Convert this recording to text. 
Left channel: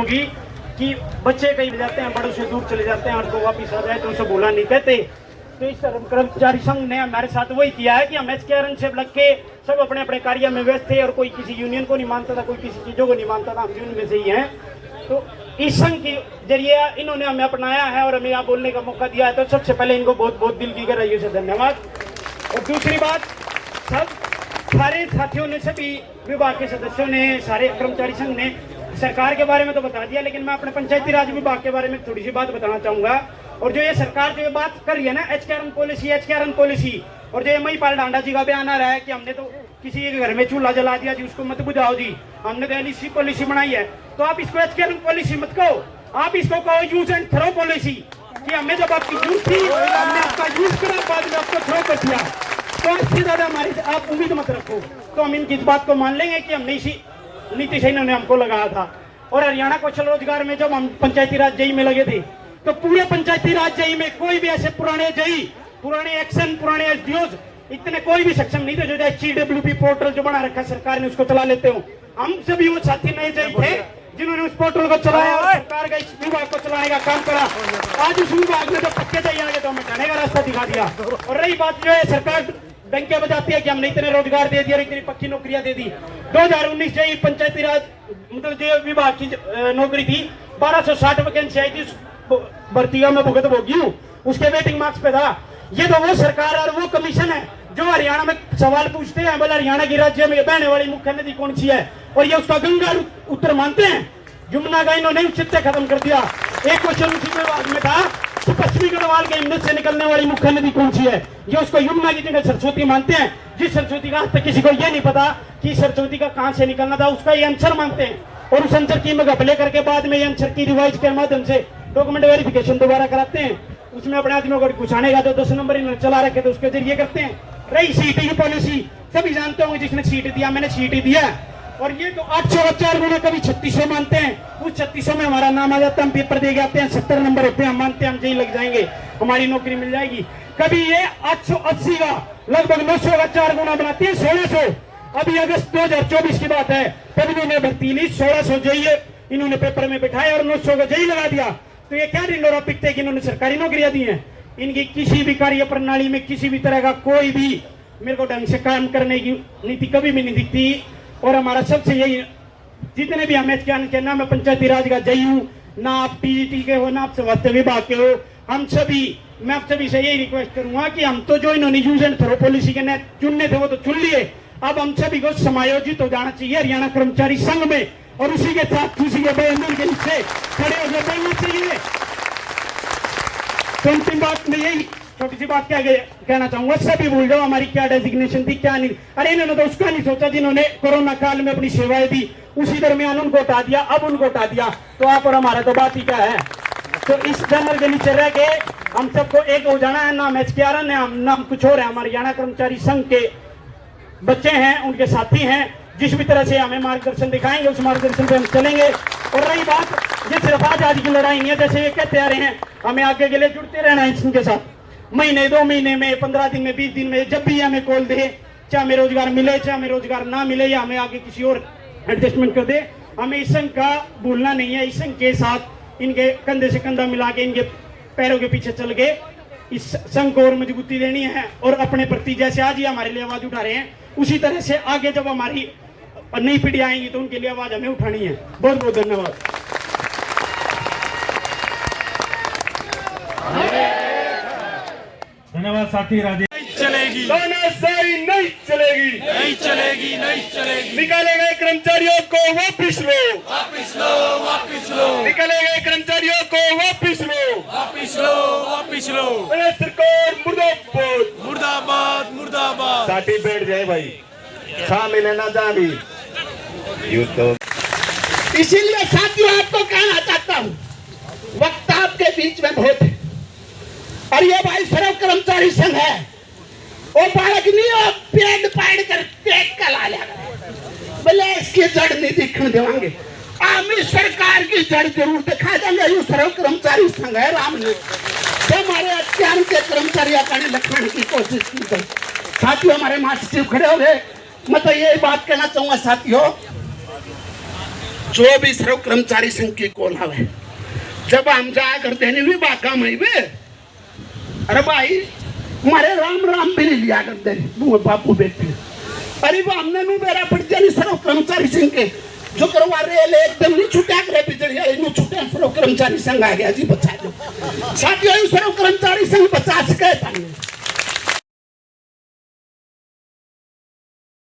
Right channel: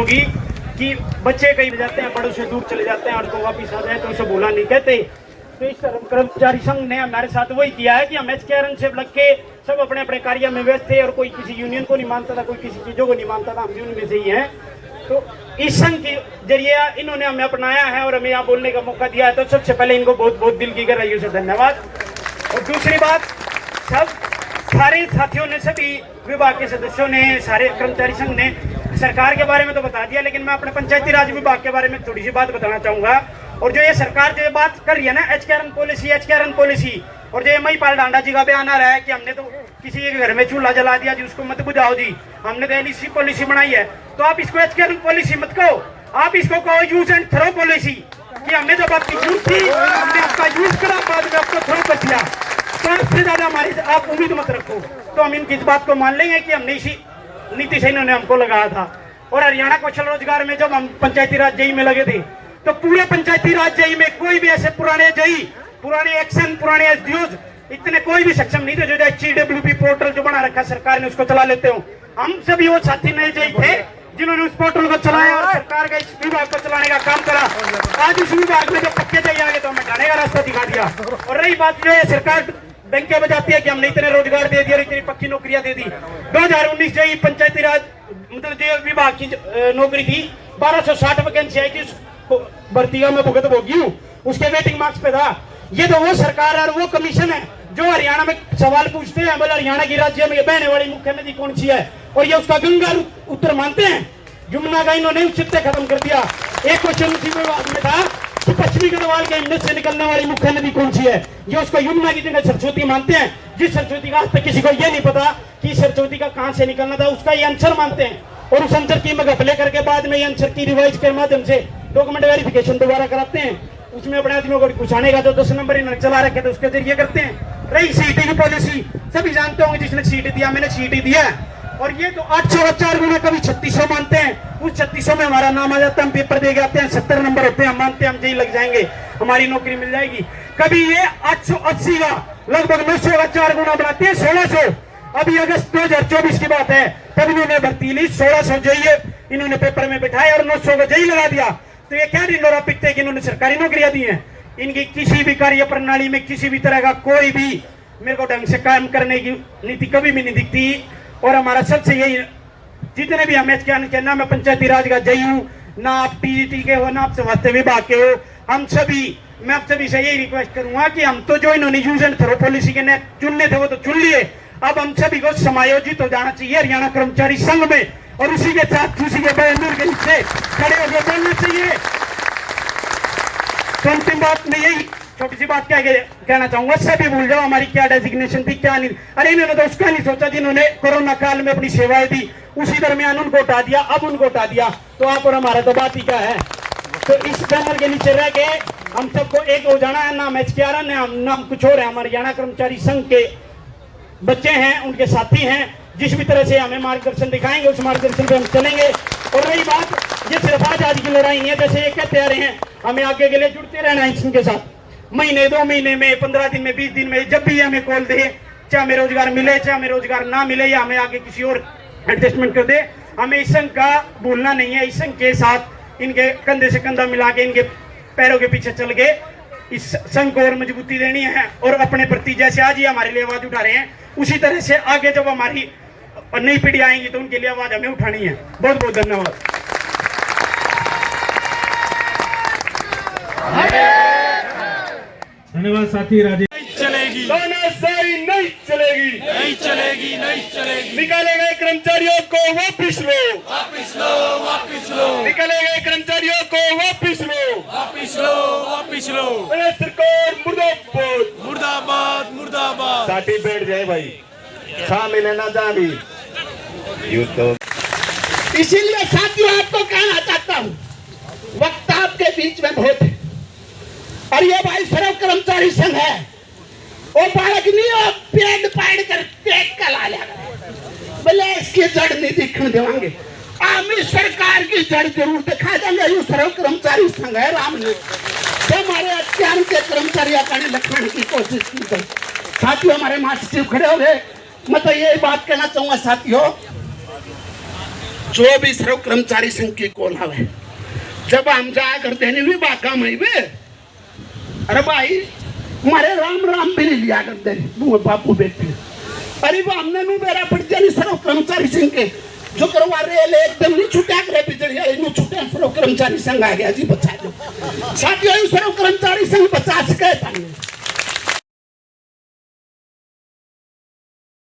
होगी कि बच्चे कहीं जाते हैं, बड़ों से दूर चले जाते हैं और तो वापिस आ जाए तो उसे बोला नहीं कहते। तो इस कर्मचारी संघ ने हमारे साथ वही किया है कि हम एचकेआरएन से लग के सब अपने अपने कार्य में व्यस्त थे और कोई किसी यूनियन को नहीं मानता था, कोई किसी चीजों को नहीं मानता था, हम भी उनमें से ही हैं। तो इस संघ के जरिए इन्होंने हमें अपनाया है और हमें यहाँ बोलने का मौका दिया है, तो सबसे पहले इनको बहुत बहुत दिल की गहराइयों से धन्यवाद। और दूसरी बात, सब सारे साथियों ने, सभी विभाग के सदस्यों ने, सारे कर्मचारी संघ ने सरकार के बारे में तो बता दिया, लेकिन मैं अपने पंचायती राज विभाग के बारे में थोड़ी सी बात बताना चाहूंगा। और जो ये सरकार जो बात कर रही है ना, एचकेआरएन पॉलिसी, और जो महिपाल डांडा जी का बयान आ रहा है कि हमने तो किसी के घर में चूल्हा जला दिया जी, उसको मत बुझाओ जी, हमने तो एलईसी पॉलिसी बनाई है। तो आप इसको एचकेआरएन पॉलिसी मत कहो, आप इसको कहो यूज एंड थ्रो पॉलिसी, कि हमने जब आपकी जरूरत थी हमने आपका यूज करा, बाद में आपको थ्रो कर दिया। तो इससे ज्यादा हमारी आप उम्मीद मत रखो। तो हम इनकी इस बात को मान लेंगे कि हमने इसी नीति से इन्होंने हमको लगाया था। और हरियाणा कौशल रोजगार में जब हम पंचायती राज जेई में लगे थे, तो पूरे पंचायती राज जेई में कोई भी ऐसे पुराने जेई, पुराने एक्शन, पुराने एसडीओज इतने कोई भी सक्षम नहीं थे जो HCWP पोर्टल जो बना रखा सरकार ने उसको चला लेते हो। हम सभी वो साथी नए जेई थे जिन्होंने उस पोर्टल को चलाया और सरकार का इस विभाग को चलाने का काम करा। आज उस विभाग में जब पक्के जेई आ गए तो हमें जाने का रास्ता दिखा दिया। और रही बात जो है, सरकार डंके बजाती है कि हमने इतने रोजगार दे दिए और इतनी पक्की नौकरियां दे दी। 2019 जेई पंचायती राज मतलब जो विभाग की नौकरी थी, 1260 वैकेंसी आई थी, भर्ती का मैं भुगत भोगी हूँ, उसके वेटिंग मार्क्स पे था। ये तो वो सरकार और वो कमीशन है जो हरियाणा में सवाल पूछते हैं, मतलब हरियाणा की राज्य में बहने वाली मुख्य नदी कौन सी है, और ये उसका गंगा उत्तर मानते हैं। यमुना का इन्होंने औचित्य खत्म कर दिया। एक क्वेश्चन उसी विभाग में था कि पश्चिमी गढ़वाल के हिमनद से निकलने वाली मुख्य नदी कौन सी है, ये उसको यमुना की जगह सरस्वती मानते हैं। जिस सरस्वती का आज तक किसी को ये नहीं पता कि सरस्वती का कहां से निकलना था, उसका ये आंसर मानते हैं। और उस आंसर की घपले करके बाद में ये आंसर की रिवाइज के माध्यम से डॉक्यूमेंट वेरिफिकेशन दोबारा कराते हैं। उसमें अपने आदमियों को घुसाने का जो 10 नंबर इन्होंने चला रखे थे उसके जरिए करते हैं। रही सीटी की पॉलिसी, सभी जानते होंगे, जिसने सीटी दिया, मैंने सीटी दिया। और ये तो 800 का 4 गुना, कभी 3600 मानते हैं। उस 3600 में हमारा नाम आ जाता है, हम पेपर दे के आते हैं, 70 नंबर होते हैं, हम मानते हैं हम जेई लग जाएंगे, हमारी नौकरी मिल जाएगी। कभी ये 880 का लगभग 900 का 4 गुना बनाते हैं, 1600। अभी अगस्त 2024 की बात है, तब इन्होंने भर्ती ली, 1600 जेई इन्होंने पेपर में बिठाए और 900 का जेई लगा दिया। तो ये क्या ढिंडोरा पिटते कि इन्होंने सरकारी नौकरियां दी हैं। इनकी किसी भी कार्य प्रणाली में किसी भी तरह का कोई भी मेरे को ढंग से काम करने की नीति कभी भी नहीं दिखती। और हमारा सबसे यही, जितने भी हम के ना मैं पंचायती राज का जेई हूँ, ना आप पीजीटी के हो, ना आप स्वास्थ्य विभाग के हो, हम सभी, मैं आप सभी से यही रिक्वेस्ट करूंगा कि हम तो जो इन्होंने यूज एंड थ्रो पॉलिसी के ने चुनने थे वो तो चुन लिए, अब हम सभी को समायोजित हो जाना चाहिए हरियाणा कर्मचारी संघ में, और उसी के साथ उसी के बैनर के नीचे खड़े होकर बोलना चाहिए। तो अंतिम बात में यही छोटी सी बात क्या कहना चाहूंगा, सभी भूल जाओ हमारी क्या डेजिग्नेशन थी, क्या नहीं। अरे इन्होंने तो उसका नहीं सोचा जिन्होंने कोरोना काल में अपनी सेवाएं दी, उसी दरमियान उनको हटा दिया, अब उनको हटा दिया, तो आप और हमारा तो बात ही क्या है। तो इस बैनर के नीचे रह के हम सबको एक हो जाना है, नाम एचकेआरएन है, नाम कुछ और है, हमारे हरियाणा कर्मचारी संघ के बच्चे हैं, उनके साथी हैं, जिस भी तरह से हमें मार्गदर्शन दिखाएंगे उस मार्गदर्शन पे हम चलेंगे। और रही बात, ये सिर्फ आज की लड़ाई नहीं है, जैसे ये कहते आ रहे हैं, हमें आगे के लिए जुड़ते रहना है इनके साथ। महीने 2 महीने में, 15 दिन में, 20 दिन में, जब भी हमें कॉल दे, चाहे हमें रोजगार मिले, चाहे हमें रोजगार ना मिले, या हमें आगे किसी और एडजस्टमेंट कर दे, हमें इस संघ का भूलना नहीं है। इस संघ के साथ इनके कंधे से कंधा मिला के, इनके पैरों के पीछे चल के इस संघ को और मजबूती देनी है। और अपने प्रति जैसे आज ही हमारे लिए आवाज उठा रहे हैं, उसी तरह से आगे जब हमारी नई पीढ़ी आएंगी तो उनके लिए आवाज हमें उठानी है। बहुत बहुत धन्यवाद। धन्यवाद साथी राजेश। नहीं चलेगी, तानाशाही नहीं चलेगी, नहीं चलेगी, नहीं चलेगी। निकाले गए कर्मचारियों को वापिस लो, वापिस लो, वापिस लो, निकाले गए कर्मचारियों को वापिस लो, वापिस लो, वापिस लो। अरे सरकार मुर्दाबाद, मुर्दाबाद, मुर्दाबाद। साथी बैठ जाए भाई, खा मिले ना जा भी यूं तो। इसीलिए साथियों आपको कहना चाहता हूँ, वक्त आपके बीच में बहुत है, और ये भाई सर्व कर्मचारी संघ है, वो बालक नहीं हो पेड़ पाड़ कर पेट का ला बोले इसकी जड़ नहीं दिखने देंगे। आमी सरकार की जड़ जरूर दिखा देंगे। ये सर्व कर्मचारी संघ है, राम ने तो हमारे अत्याचार के कर्मचारी अपने लखने की कोशिश की गई। साथियों हमारे महासचिव खड़े हो गए, मैं तो ये बात कहना चाहूंगा साथियों, जो भी सर्व कर्मचारी संघ की कॉल आवे, जब हम जा कर देने भी बाका मई बे, अरे भाई मारे राम राम भी नहीं लिया करते वो बापू बेटे, अरे वो हमने नु मेरा पड़ जानी सर्व कर्मचारी संघ के जो करवा रहे ले एकदम नहीं छुटा करे बिजली इनु छुटे सर्व कर्मचारी संघ आ गया जी बचा दो साथियों, सर्व कर्मचारी संघ 50 के